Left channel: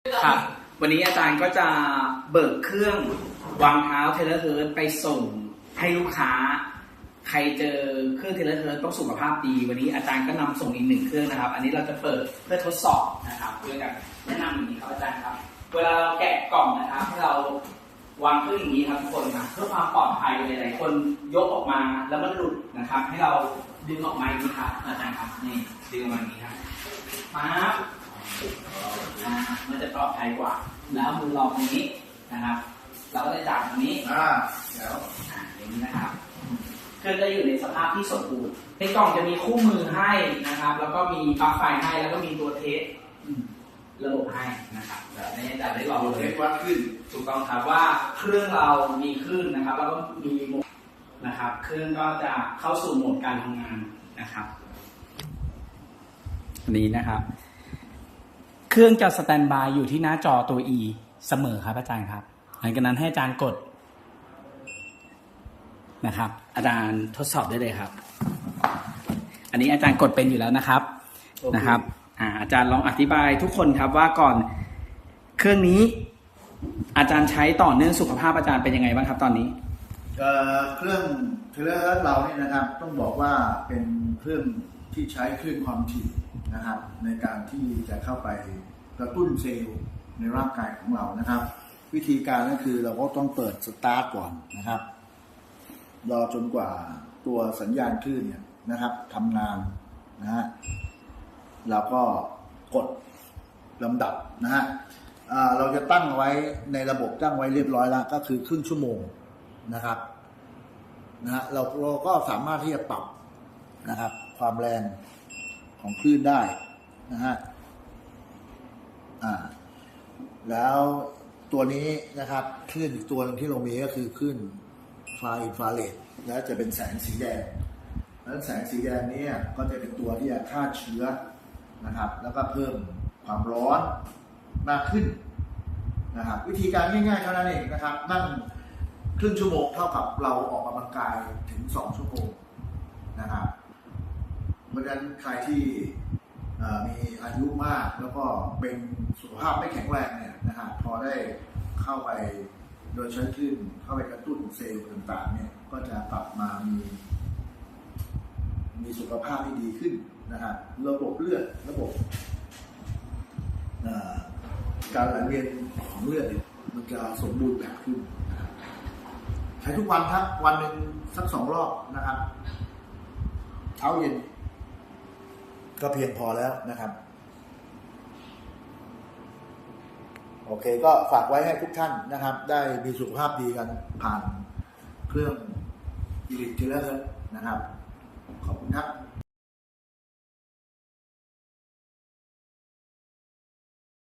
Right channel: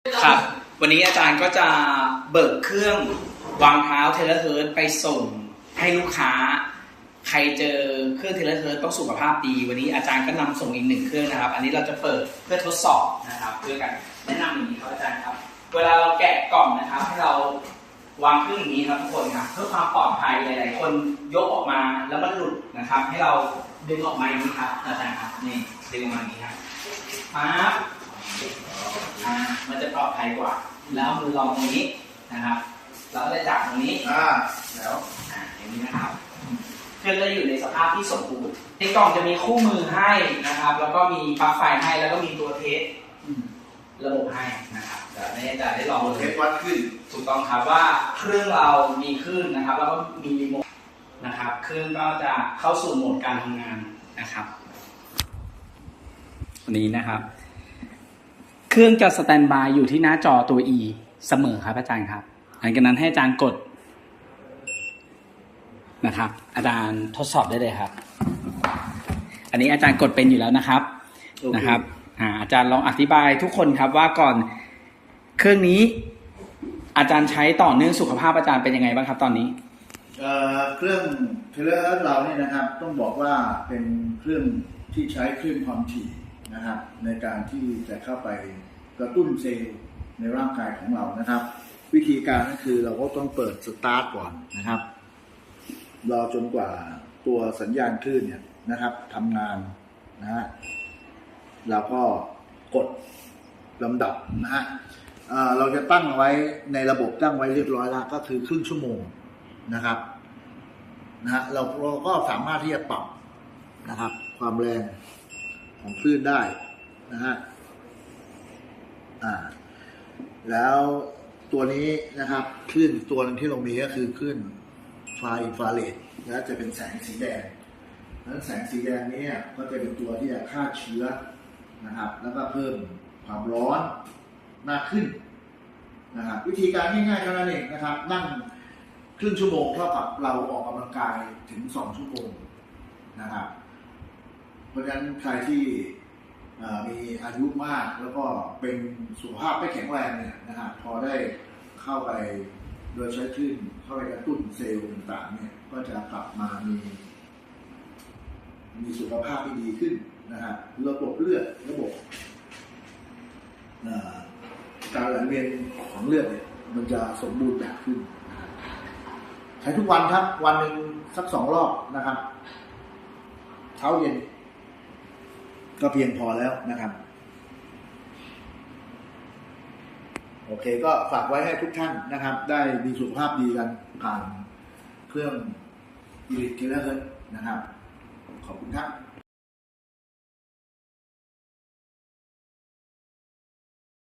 ครับ วันนี้อาจารย์ก็จะเบิกเครื่องวางเท้าเทเลเฮิร์ตไปส่งให้ลูกค้า ใครเจอเครื่องเทเลเฮิร์ตต้องสุขภาพดี วันนี้อาจารย์ก็นำส่งอีกหนึ่งเครื่องนะครับ อันนี้เราจะเปิดเพื่อทดสอบนะครับเพื่อกันแนะนำอย่างนี้ครับอาจารย์ครับ เวลาเราแกะกล่องนะครับให้เราวางเครื่องอย่างนี้ครับทุกคนครับเพื่อความปลอดภัยหลายๆคนยกออกมาแล้วมันหลุดนะครับ ให้เราดึงออกมาอย่างนี้ครับอาจารย์ครับนี่ดึงออกมาอย่างนี้ครับปั๊บ มันจะปลอดภัยกว่า แล้วเอามือรองตรงนี้นะครับแล้วก็จะจับตรงนี้อ่าแล้วอ่าอย่างนี้นะครับเครื่องก็อยู่ในสภาพที่สมบูรณ์ในกล่องจะมีคู่มือให้นะครับ แล้วก็มีปลั๊กไฟให้แล้วก็มีตัวเทสระบบให้นะครับเดี๋ยวให้อาจารย์ได้ลองเทเลยปวัดขึ้นถูกต้องครับว่าเครื่องเรามีขึ้นนะครับ แล้วก็มีรีโมทนะครับเครื่องก็จะเข้าสู่โหมดการทำงานนะครับนี้นะครับเค รื่องจะสแตนบายอยู่ที่หน้าจอตัว E เสมอครับอาจารย์ครับ หลังจากนั้นให้อาจารย์กดนะครับ อาจารย์ทดสอบได้เลยครับ อันนี้อาจารย์กดเป็นอยู่แล้วนะครับนะครับอาจารย์ลองอธิบายทุกคนครับว่าก่อนเครื่องนี้อาจารย์ใช้ต่อเนื่องสุขภาพอาจารย์เป็นยังไงบ้างครับตอนนี้เอ่อเครื่องเทเลอร์เราเนี่ยนะครับ ต้องบอกว่าเป็นเครื่องที่ใช้คลื่นความถี่ นะครับในการที่จะเข้าไปกระตุ้นเซลล์ในร่างกายของเรานะครับ วิธีการก็คือเราก็ต้องเปิดสตาร์ทก่อนนะครับรอจนกว่าตัวสัญญาณคลื่นเนี่ยนะครับทำงานนะฮะแล้วก็กดลำดับนะฮะเราจะตั้งเอาไว้ในระบบตั้งไว้เรียบร้อยแล้วก็คือครึ่งชั่วโมงนะครับนะฮะเราเราก็สามารถที่จะปรับนะครับ ความแรง ของคลื่นได้นะฮะอ่า แล้วตัวนี้นะครับคลื่นตัวนึงที่เรามีก็คือคลื่นไฟอินฟราเรดนะจะเป็นแสงสีแดงแล้วแสงสีแดงนี้ก็จะเป็นตัวที่จะฆ่าเชื้อนะครับ แล้วก็เพิ่มความร้อนมากขึ้นนะครับ วิธีการง่ายๆแค่นั้นเองนะครับ นั่งครึ่งชั่วโมงเท่ากับเราออกกำลังกายถึงสองชั่วโมงนะครับ เพราะฉะนั้นใครที่มีอายุมากแล้วก็เป็นสุขภาพไม่แข็งแรงเนี่ยนะครับพอได้เข้าไปโดยใช้คลื่นเข้าไปกระตุ้นเซลล์ต่างๆเนี่ยก็จะกลับมามี มีสุขภาพที่ดีขึ้นนะครับระบบเลือดระบบการไหลเวียนของเลือดเนี่ยมันจะสมบูรณ์แบบขึ้น ใช้ทุกวันครับ วันหนึ่งสักสองรอบนะครับ เช้าเย็น ก็เพียงพอแล้วนะครับ โอเค ก็ฝากไว้ให้ทุกท่านนะครับ ได้มีสุขภาพดีกันผ่านเครื่องอีลิทเกเลอร์นะครับ ขอบคุณครับ